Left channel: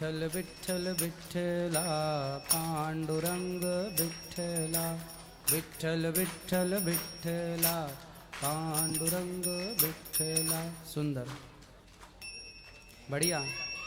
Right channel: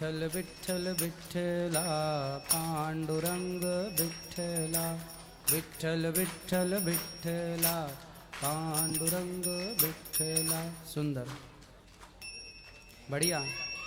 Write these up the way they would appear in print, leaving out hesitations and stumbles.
विठ्ठल विठ्ठल विठ्ठला पांडुरंग विठ्ठला विठ्ठल विठ्ठल विठ्ठला पांडुरंग विठ्ठला। सुंदर, बढ़िया।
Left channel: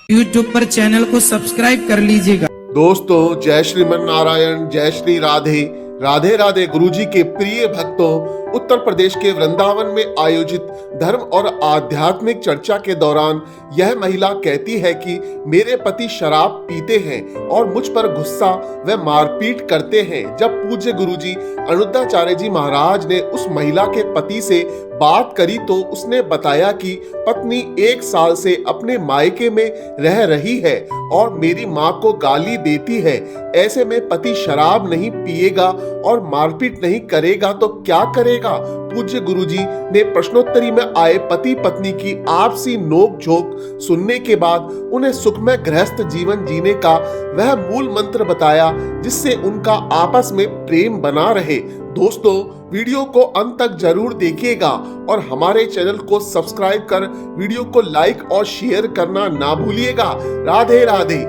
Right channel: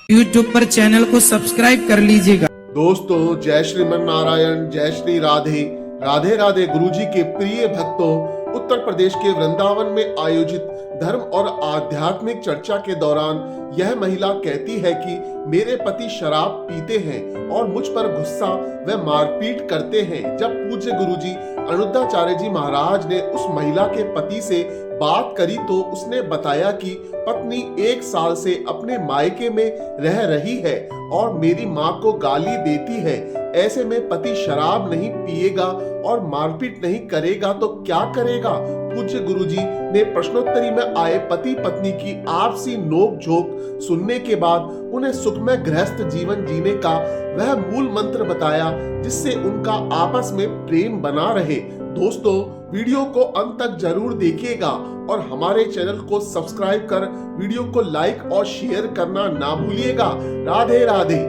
YouTube पर चैनल को सब्सक्राइब कर लीजिएगा। दोस्तों, जय श्रीमन नारायण, जय श्री राधे राधे राधे। गुरुजी के प्रिय भक्तों, उत्तर प्रदेश के वृंदावन में आयोजित धर्म और आध्यात्मिक चर्चा के दौरान यह महिला कहती है कि मेरे पति शराब पीते हैं और मुझ पर गुस्सा व मारपीट करते हैं। जब पूज्य गुरुजी अनुद्धाचार्य जी महाराज ने उस महिला के पति से बात करी तो उसने बताया कि पत्नी 1 साल से अपने मायके में रह रही है और मेरी माँ को गाली देती है। ऐसे में पति शराब नहीं पिएगा और मारपीट नहीं करेगा तो क्या करेगा? पूज्य गुरुजी ने प्रश्नोत्तरी में आए पति पत्नी की आपसी नोक झोंक सुनने के बाद उन्हें सुखमय गृहस्थ जीवन जीने का वह मूल मंत्र बताया जिससे उनका आपस में प्रेम बना रहे। दोस्तों, वीडियो को अंत तक जरूर देखिएगा और हमारे चैनल को सब्सक्राइब कर वीडियो को लाइक और शेयर करना ना भूलिएगा। राधे राधे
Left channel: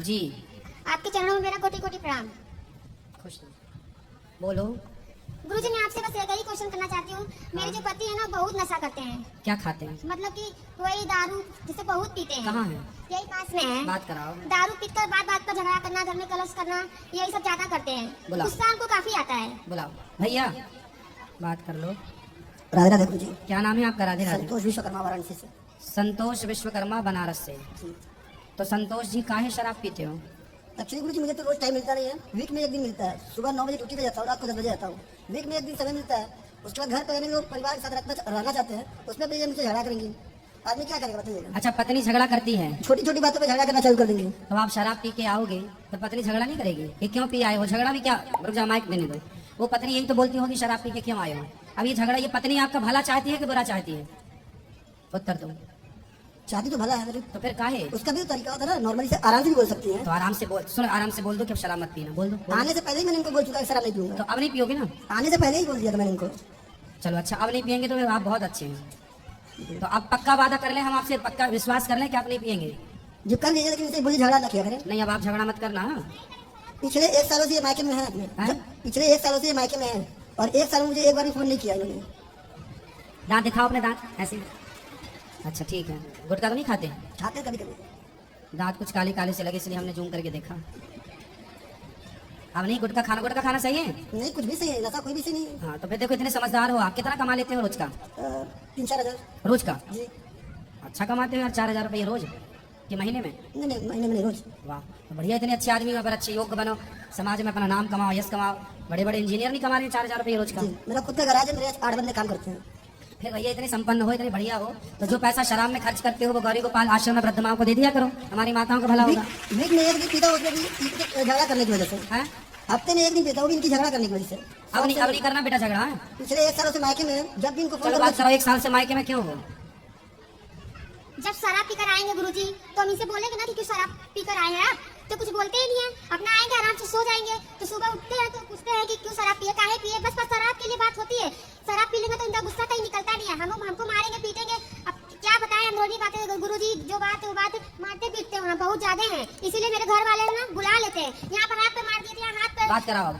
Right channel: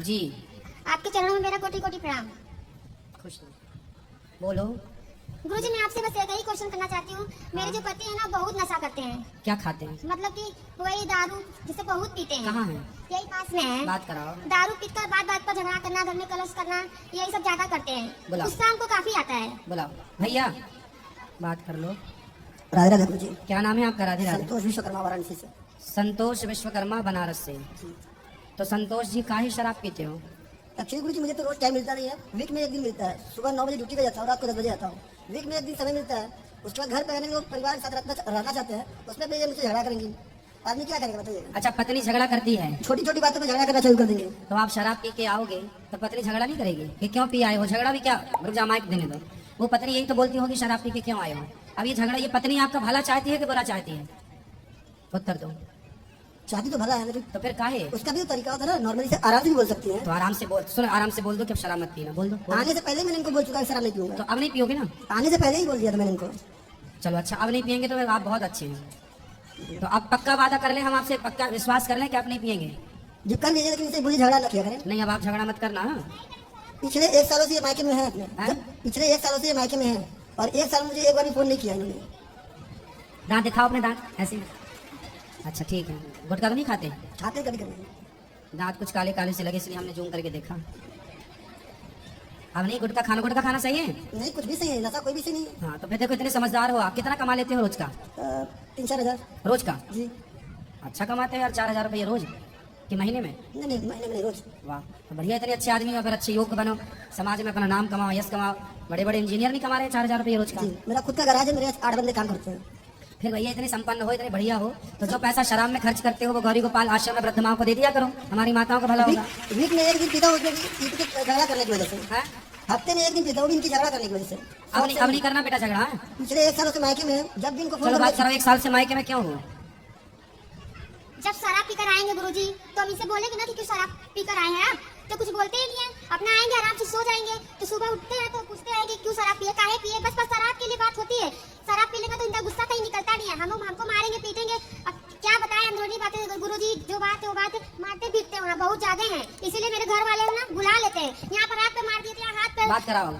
जी। आपके चरणों में मेरा कोटि कोटि प्रणाम। खुश रहो। बोलो। गुरुजी, मैं आपसे बस यही क्वेश्चन करना चाहती हूँ। मेरे जो पति है ना, बहुत नशा करते हैं। क्या खाते हैं? मतलब कि वही दारू जिसे बहुत पीते हैं। कहाँ है? यही पास में है। बात कराओ। दारू पीकर बात बात पर झगड़ा करना, घर में कलश करना, यही सब ज्यादा करते हैं। बुलाओ। गुस्सा उनको काफी आता है। बुलाओ भैया, बात कर लो। राधे राधे गुरुजी। क्या नाम है आपका? राधे राधे। संतोष विश्वकर्मा वाराणसी से। संतोष विश्वकर्मा बनारस से। तो संतोष जी काहे शराब पीते हो? एक्चुअली गुरुजी, मुझे तो रोज टाइम मिलता नहीं है। वीक में एक दिन मिलता है। सुबह 9 बजे ड्यूटी पे जाता हूँ, रात को 10 बजे आता हूँ। वीक में एक दिन समय मिलता है। उसके बाद घर पे रहने लोग परिवार के साथ रहना चाहते हैं, उसमें भी ये मुझसे झगड़ा करेंगे। आदमी क्या करेगा बताइएगा? अच्छा, पत्नी झगड़ा करती है? छोटी छोटी बातों पे झगड़ा करना चालू कर देंगे। तो आप शराब पी के आओगे तो पत्नी झगड़ा नहीं करेगी कि क्यों पी आए हो? झगड़ा भी क्या, रुक जा माइक देने दो। वो पत्नी यही तो बोलती होगी शराब पी के क्यों आए हो। अब ये झगड़ा, ये पत्नी आपका भला चाहती है कि बुरा चाहती है? उत्तर दो। चाहती तो भला है लेकिन तो फिर काहे? उसका भी तो तरीका होता है ना। नॉर्मली से आराम से भी बोल सकती है। तो आराम से बोल, सुन, आराम से बोल दो कि अब शराब मत पीना। बोल दो। आने से पहले ही मैंने इनको बोल चुका है शराब नहीं पीऊंगा। तो अब नहीं पियोगे ना? आने से पहले ही बोल दिया था मैंने इनको। चलो अच्छा, अब नहीं पियेंगे तो आप बहुत अच्छे हैं। तो अब पक्का वादा कर लें, हम आपसे पक्का विश्वास कर लें कि आप नहीं पियेंगे? जो कर लीजिए, लेकिन इसे बोलिए झगड़ा ना किया करें। नहीं, अब आप झगड़ा मत करना। पिछले 1 सालों से ये मायके में है अपने। पिछले 1 सालों से ये मायके में है और 1 साल में मुझे एक बार भी फोन नहीं किया इन्होंने। दांत दिखाओ अपने, दांत ऐसे। अच्छा ठीक है। गुटखा तो नहीं खाते? खाते कभी कभी। दांत कुछ काले काले से लगे इसलिए हमने जूम करके देखा। अब नहीं गुटखा खाना, गुटखा खाना सही है? नहीं, कुछ भी सही है, नशा कोई भी सही नहीं है। हाँ, तो फिर देखो इतने समझदार हो आप। कितना कमा लेते हो रोज का? 3-4 हजार रोज का? जी। अच्छा कमाते हो यार, 4,000 रुपये रोज कि महीने में? नहीं नहीं, महीने में नहीं, रोज। वाह, तो बढ़िया। इतने अच्छे आदमी हो, फिर अच्छे योग्य बनो, समाज में अपना नाम कमाओ, यश कमाओ। बड़े बड़े इंजीनियर नहीं कमा रहे 4,000 रुपये रोज का? जी, मेरा खुद का गैराज है, मेरे 8 बंदे काम करते हैं। फिर भैया इतने संपन्न हो, इतने बढ़िया हो, तो जो पैसा शराब में खर्च करते हो वो गौरी गोपाल आश्रम में वृद्ध माँ को दे दिया करो, हमारी माताओं का भला होगा। वीक में एक दिन पीता हूँ, उसमें भी झगड़ा करने की वजह से। हैं? हफ्ते में एक दिन पीता हूँ, इनकी झगड़ा करने की वजह से। अब नहीं करना बेटा झगड़ा। हैं? पिछले 1 सालों से मायके में है। जब भी इनको चलो बात करो, 1 साल से मायके में क्यों हो? जब शराब पीकर आएंगे गुरुजी, तो हम इसे बोलेंगे ना कि क्यों शराब पीकर आए हैं आप, तो कुछ बोलते ही नहीं है। अपना आएंगे, आराम से सो जाएंगे, तो सुबह उठते हैं तो पूछते हैं कि क्यों शराब पिए, काहे पिए। बस शराब के लिए बात होती है। शराब पी लेंगे तो इनका गुस्सा कहीं निकलता नहीं है। हमको मारेंगे, पीटेंगे। अब क्या बताएं हम, रोजी बातें। गुरुजी जो बात है वो बात मारते पीटते वहाँ बहुत ज्यादा है, इसीलिए मेरे घर वाले ना बुला लेते हैं। यहाँ पर हाथ पे मार दीजिए, हाथ पे। बात कराओ।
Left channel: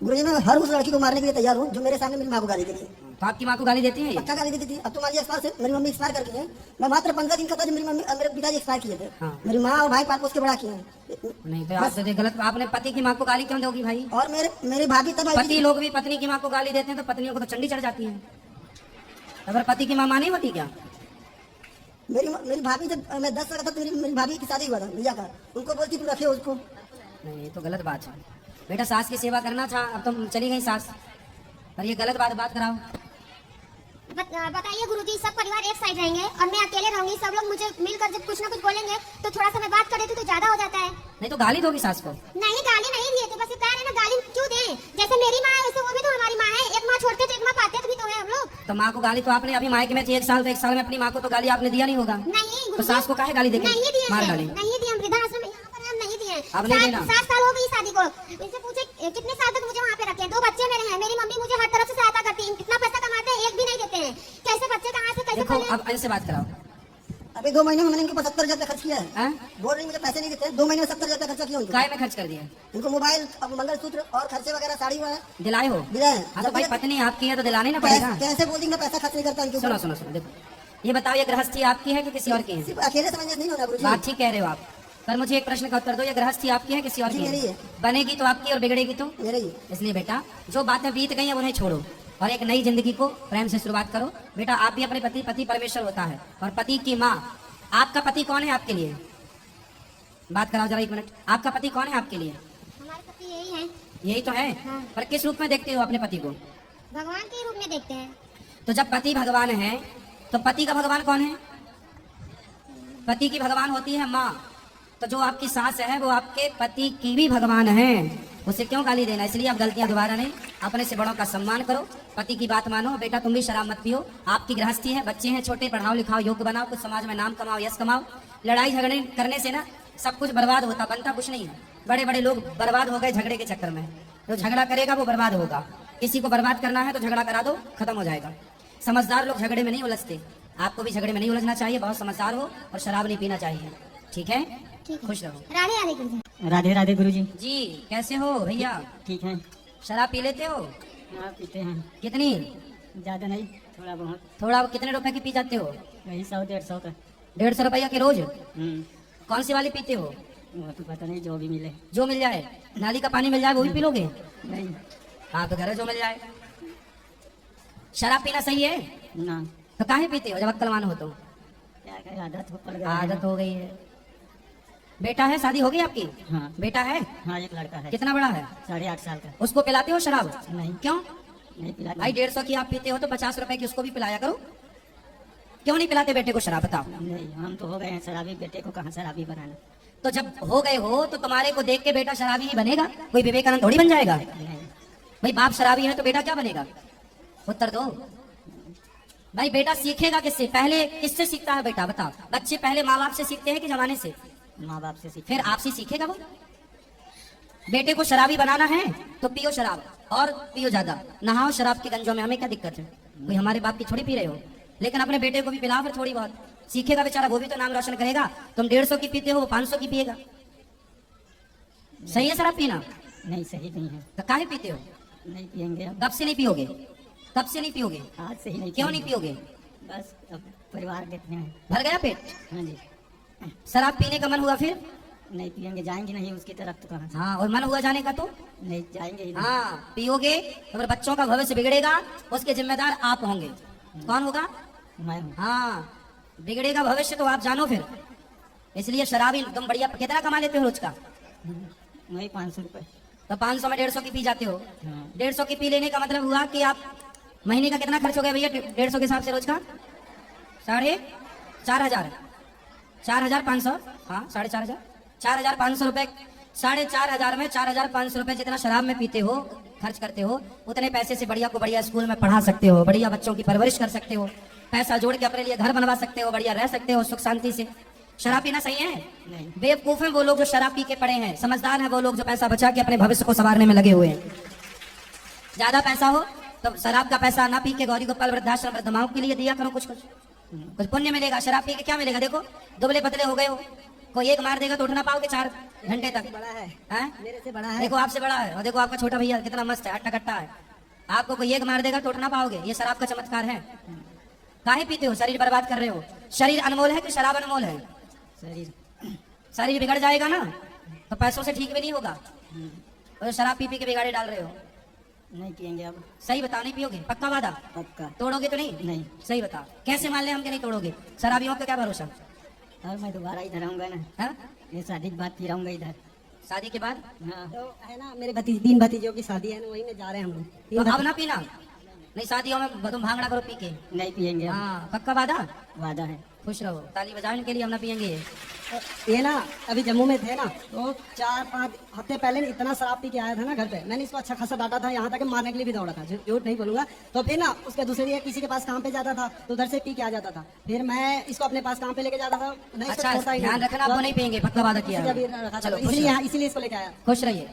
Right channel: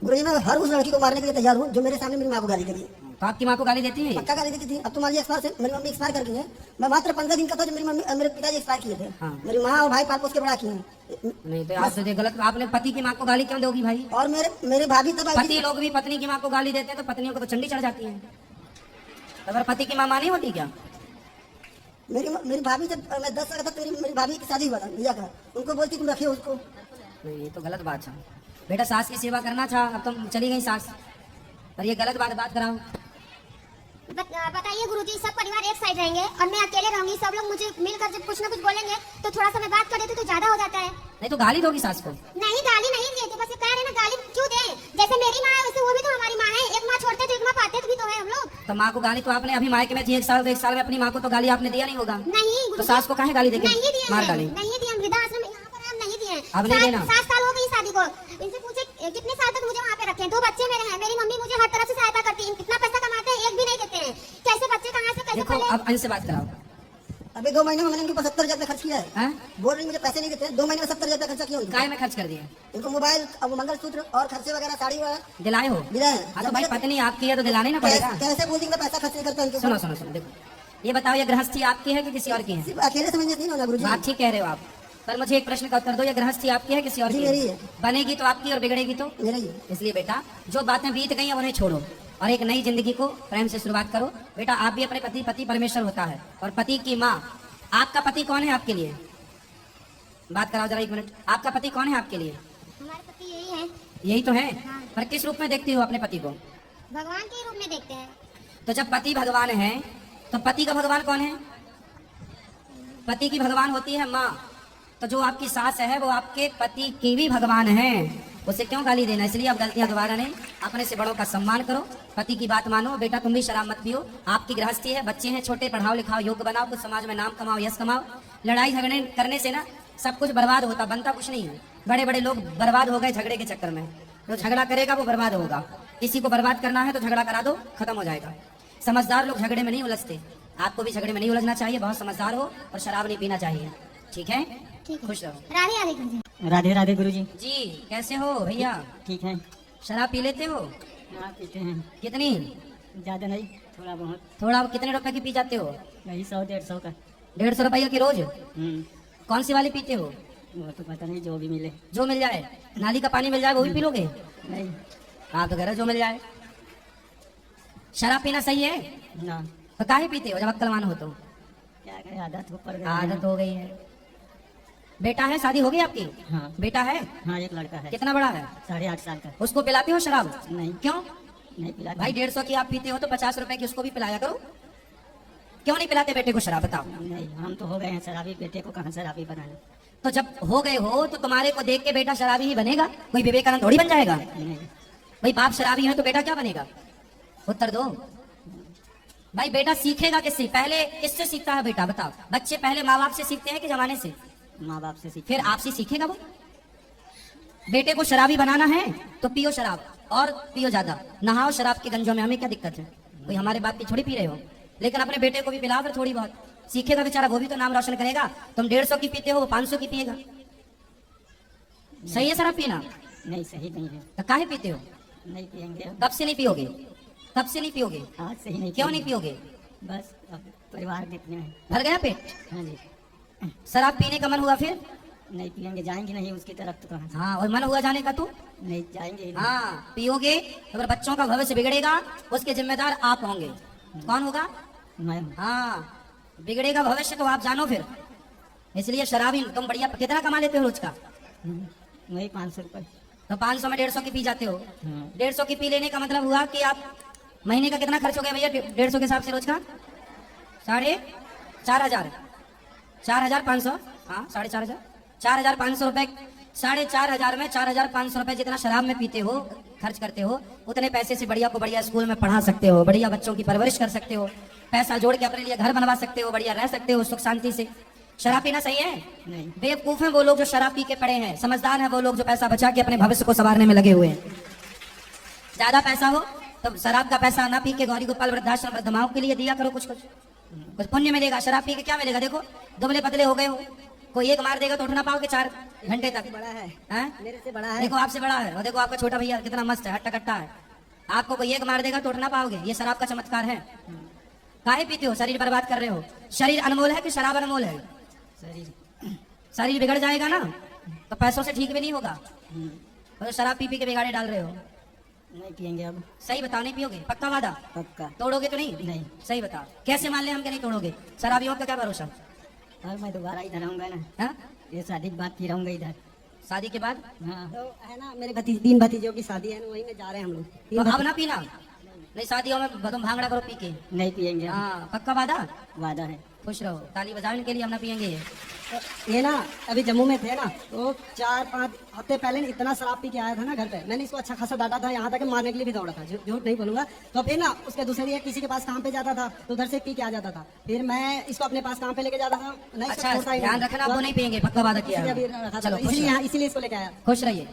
गुरुजी, मैं हर उस लड़की को मारने के लिए तैयार हूँ जो मेरे सामने मेरी माँ को गाली करी है। तो आपकी माँ को गाली देती है? पक्का गाली देती थी। अब तो मान लिया एक्सपायर से, मेरी मम्मी एक्सपायर कर गई है। मैं मात्र 15 दिन का था जब मेरे पिताजी एक्सपायर किए थे। हाँ। मेरी माँ और भाई पाप उसके बड़ा किए हैं। नहीं तो आप तो गलत। आपने पति की माँ को गाली क्यों दोगी भाई? और मेरी भाभी तब आई पति लोग भी पत्नी की माँ को गाली देते हैं तो पत्नियों को तो चंडी चढ़ जाती है। अगर पति की माँ नहीं होती क्या? मेरी भाभी जब मैं 10 साल का था तो मेरी भाभी की शादी हुआ था भैया का। उनको बोलती तुम रखे उसको। नहीं, ये तो गलत बात है बेटा। सास की सेवा करना था, अब तुम चली गई सास, और ये गलत बात कराओ। बताइए गुरुजी, सब परिवार एक साइड रहेंगे और मैं अकेले रहूंगी। सब लोग मुझे मिलकर जब कुछ ना कुछ बोलेंगे तो थोड़ा सा मैं बात कर लेती तो ज्यादा हो जाता है। नहीं तो गाली दोगी सास को? नहीं, गाली नहीं दिए थे, बस ये कह रहे ना गाली क्यों दें। जैसे मेरी माँ है वैसे वो भी तो हमारी माँ है। एक माँ छोड़ते तो एक माँ पाते भी तो है हम लोग। तो माँ को गाली तो आपने अभी मायके में थी 1 साल, तो 1 साल में अपनी माँ को तो गाली आपने दिया नहीं होगा? नहीं तो सास को काहे गाली देंगे? नहीं दिए, मार डालें। नहीं दिए। हम वृद्धाश्रम यहाँ पर हम नहीं दिए। अब नहीं देना? 7 साल हो गई शादी को। इनसे पूछे कितने साल तक मुझे वहाँ पे रखे। 2 बच्चे मेरे हैं, मेरी मम्मी मुझे हर तरफ से सहायता करती है। कितना पैसा कमाते हैं, एक भी नहीं देते हैं। कैसे बच्चे कहाँ से कैसे देखो, अब इनसे बात कराओ। अबे अभी 2 महीने में मैंने इनके 75,000 रुपया खर्च किया है। हैं? बोल रही मुझे पैसे नहीं देते, 2 महीने में 70,000 रुपया खर्चा किया इनको। काय में खर्च कर दिया? इनको मोबाइल, अब मंगलसूत्र और खर्चे वगैरह, साड़ी वगैरह दिलाए हो? मिला है। हाँ तो भाई पत्नी आपकी है तो दिलानी ना पड़ेगा। कैसे बोल दी मैं पैसा खर्च नहीं करता इनके सुनो ऊपर? सुनो सुनो, देखो ये बताओ, ये गृहस्थी आपकी है कि किसी और की है? सिर्फ अकेले समझने नहीं होना गुरुजी। बात ठीक कह रहे हो आप, पर मुझे एक प्रश्न का उत्तर दो, ये गृहस्थी आपकी है किसी और जी, की मेरी है? है। बनेगी तो आपकी और बिगड़ेगी तो मेरा ही। इसलिए बेटा जो बातें बीत गई हैं उन्हें छोड़ो और एक नई जिंदगी को प्रेम से शुरुआत करो। बेटा आप भी अपने पति, पति परमेश्वर होता है और पति की माँ। आपका पति कौन है आपके लिए? बात कराओ जरा 1 मिनट। आपका पति कौन है आपके लिए? हमारे पति यही है, यही तो है, पर किस रूप में देखती हो अपने पति को? भगवान के रूप में देखते हैं। तो जब पति भगवान है तो पति का भगवान कौन है? पति की भगवान होती है माँ। तो जो आपकी सास है वो आपके पति की भी भगवान है, उसे क्यों गाली देना? इसलिए अब गलतियां दोबारा नहीं, अपने से बड़ों का सम्मान करो, पति की बात मानो। बेटा तुम भी शराब मत पियो, आपकी गृहस्थी है, बच्चे हैं छोटे, पढ़ाओ लिखाओ, योग्य बनाओ, कुछ समाज में नाम कमाओ, यश कमाओ। लड़ाई झगड़े करने से ना सब कुछ बर्बाद होता, बनता कुछ नहीं है। बड़े बड़े लोग बर्बाद हो गए झगड़े के चक्कर में। जो झगड़ा करेगा वो बर्बाद होगा। किसी को बर्बाद करना है तो झगड़ा करा दो, खत्म हो जाएगा। समझदार लोग झगड़े में नहीं उलझते, आपको भी झगड़े में नहीं उलझना चाहिए, बहुत समझदार हो और शराब नहीं पीना चाहिए, ठीक है? ठीक है। खुश रहो। राधे राधे गुरुजी। राधे राधे गुरुजी। जी कैसे हो भैया? ठीक है। शराब पी लेते हो? हाँ पीते हैं, कितनी? ज़्यादा नहीं, थोड़ा बहुत। थोड़ा कितने रुपए की पी जाते हो? वही 100-150 का। 150 रुपया की रोज? हम्म, कौन सी वाली पीते हो? वो तो पता नहीं, जो भी मिले। जो मिल जाए, नाली का पानी मिल जाए वो भी पी लोगे? नहीं हाँ तो घर जो मिल जाए। शराब पीना सही है? ना, तो काहे पीते हो जब अक्लवान हो तो? क्या करें, आदत हो पड़ गया। आदत हो गई है। बेटा है, शादी हो गई आपकी? हाँ। बेटा है? हाँ एक लड़का है, कितना बड़ा है? 8.5 साल का। उसको पिलाते हो शराब? नहीं। क्यों? नहीं पिलाता। भाई 150 की आप पीते हो तो 50 रुपए की उसको भी पिलाया करो। क्यों नहीं पिलाते बेटे को शराब, बताओ? नहीं, हम तो हो गए हैं शराबी, बेटे को कहाँ शराबी बनाने। तो जब हो गए हो तो तुम्हारे को देख के बेटा शराबी ही बनेगा? कोई विवेकानंद थोड़ी बन जाएगा। नहीं, भाई बाप शराबी है तो बेटा क्या बनेगा? उत्तर दो भाई। बेटा सीखेगा किससे? पहले किससे सीखता है बेटा, बताओ? बच्चे पहले माँ बाप से सीखते हैं कि जमाने से? माँ बाप से सीख। फिर आपसे सीखेगा वो। बेटे को शराबी बनाना है तो पियो शराब, और पियो ज्यादा, नहाओ शराब के गंजों में, हमें क्या दिक्कत है? कोई हमारे बाप की थोड़ी पी रहे हो, लेकिन अपने बेटे को भी पिलाओ फिर थोड़ी बहुत, सीखेगा बेचारा, वो भी तो नाम रोशन करेगा। तुम 150 की पीते हो, वो 500 की पिएगा। सही है शराब पीना? नहीं सही नहीं है, तो काहे पीते हो? नहीं पियेंगे अब। कब से नहीं पियोगे? कब से नहीं पियोगे? आज से ही नहीं। क्यों नहीं पियोगे? बस अब परिवार कितने हैं। भर गया पेट? हाँ जी। शराब पीने का मन हुआ फिर? नहीं पियेंगे, जाएंगे नहीं उसकी तरफ तो कहाँ से। हाँ, और मन हुआ जाने का तो? नहीं जाएंगे ही नहीं। हाँ, पियोगे तो फिर बच्चों का भविष्य बिगड़ेगा, उसके जिम्मेदार आप होंगे। कौन होगा? मैं हूँ। हाँ, बिगड़ेगा भविष्य तो आप जानो फिर। इसलिए शराबी तुम बढ़िया कितना कमा लेते हो रोज का? वही 500 रुपये। तो 500 में 150 की पी जाते हो। 150 की पी लेने का मतलब हुआ कि आप महीने का कितना खर्च हो गया भैया 150 के हिसाब से रोज का? 4,500। 4,500, हाँ 4,500, 4,500 रुपए। 4,500 में 4,500 रुपए जितना शराब में पीते हो, खर्च करते हो, उतने पैसे से बढ़िया को बढ़िया स्कूल में पढ़ा सकते हो, बढ़िया बच्चों की परवरिश कर सकते हो, पैसा जोड़ के अपने लिए घर बनवा सकते हो, बढ़िया रह सकते हो सुख शांति से। शराब पीना सही है? नहीं। बेवकूफ हैं वो लोग जो शराब पी के पड़े हैं, समझदार है वो लोग जो पैसा बचा के अपने भविष्य को संवारने में लगे हुए हैं। ज्यादा पैसा हो तो शराब का पैसा ना पी के गौरी गोपाल वृद्धाश्रम वृद्धमाओं के लिए दिया करो, कुछ पुण्य मिलेगा। शराब पी के क्या मिलेगा? देखो दुबले पतले हो गए हो, कोई एक मार देगा तो उठ ना पाओगे 4 घंटे तक। बड़ा है, हैं? मेरे से बड़ा है। देखो आपसे बड़ा है, और देखो आपका छोटा भैया कितना मस्त है, हट्टा कट्टा है। आपको कोई एक मार देगा तो उठ ना पाओगे, ये शराब का चमत्कार है। काहे पीते हो? शरीर बर्बाद कर रहे हो। शरीर अनमोल है कि शराब अनमोल है? शरीर बिगड़ जाएगा ना तो पैसों से ठीक भी नहीं होगा। तो शराब पी के बिगाड़े डाल रहे हो। नहीं पियेंगे अब। सही बताओ, नहीं पियोगे? पक्का वादा? पक्का। तोड़ोगे तो नहीं? नहीं। सही बताओ, कैसे मान ले हम कि नहीं तोड़ोगे? शराबियों का क्या भरोसा? अब मैं दोबारा इधर आऊंगा ना, हाँ? ये शादी की बात की रहूंगा इधर। शादी के बाद? हाँ। तो है ना, मेरे 3 भतीजों की शादी है ना, वहीं में जा रहे हैं हम लोग। तो अब ना पीना, नहीं शादियों में तुम भांगड़ा करो पी के। नहीं पियेंगे अब। हाँ, पक्का वादा? वादा है। खुश रहो, ताली बजाने के लिए हम ना पियेंगे ये। ये ना अभी जम्मू में थे ना, तो 4-5 हफ्ते पहले इतना शराब पी के आया था ना घर पे, मैंने इसको अच्छा खासा डांटा था, यहाँ तक कि मारने के लिए भी दौड़ा था, झूठ नहीं बोलूंगा। तो फिर ना उसके दूसरे किसी के पास काम पे जाता था तो उधर से पी के आ जाता था, फिर मैं इसको अपने पास काम पे लेके जाता था। अच्छा, ध्यान रखना, आप तो नहीं पियेंगे, पक्का वादा किया है। इसलिए इसको लेके आया। खुश रहिए।